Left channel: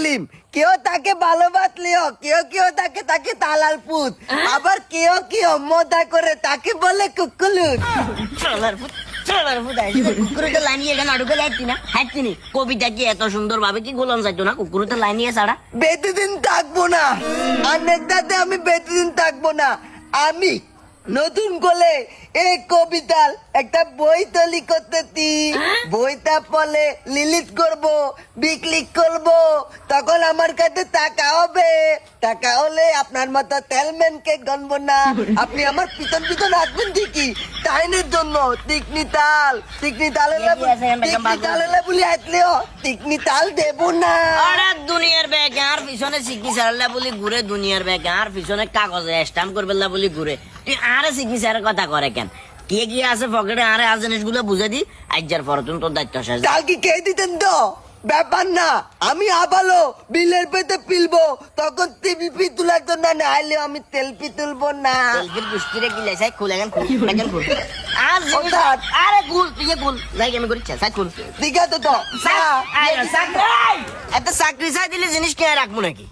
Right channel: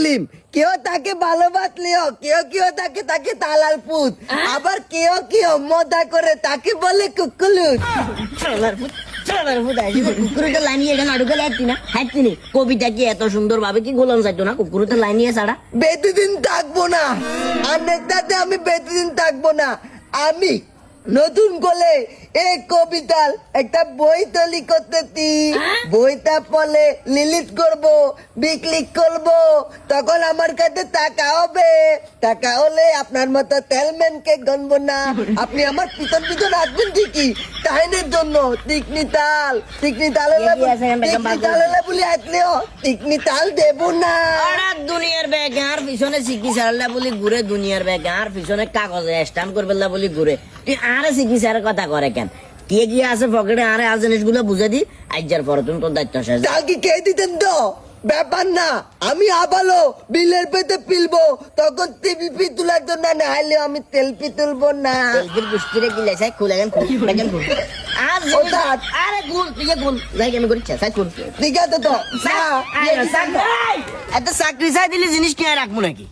সেলিম, কেউ তাকে ভালোবাসলেও কেউ কেউ তাকে তালাল পুত, আবার কেউ মজা করে তাকে বলে কুকুলুত। কুকুরটা লাইনিয়ে এখানে আড়ুকে লাগতি না হাঁটতি নি কবিতা কি এত সুন্দর ভাবে কি গোলাম যাইতো না কুকুরটা লাইনিয়ে ছাড়া বেশিদিন থাকবো না, আর নেতাতে আমি বেশিদিন থাকবো না। আমি নতুন করে এই কবিতার একটা বই তৈরি করতেছি। বইটা পড়লে লিলিট করব, বিক্রি করব, তখন আমার কাছে টাকা হবে। টাকা হলে আপনার মতো তেলম্যানকে গণবো না। আপনি আমার পিছন পিছন আসবেন ঠিকই টাইনের জন্য। টিকনি তাল বলে আসলেও টিকনি তাল দেবো না। দুনিয়ার ব্যাগ আর পিছনে সিকি সারাল্লা বলি ঘুরে, দুনিয়ার ব্যাগ আর পিছনে কাগজে স্ট্যাম্প করবে বলি ঘুরে। তুই আরে সিকি সারের কথা করে কেন? কে গিয়ে আছে পকেটে আরে আর জিনিসগুলো বুঝে দি। আজ্জার পরে তুমি তোর দায়িত্ব শেষ। চাল কি খেয়ে দিতেন তো? ব্যাপার না, আমি আবালো বিলের পেতে পিলবো, তখন টিপি তোলার জন্য না হলে আমি তেলপি তুলবো না। তেলপির গুষ্টিরে গিলে চাই খুলে গেন খুল আর আরে খুল তুই খুল যাই আমি করি চাই খুল ঠিক আছে তো এত চাকরি চাই দিলে জিনিস কে রাখবো নাকি?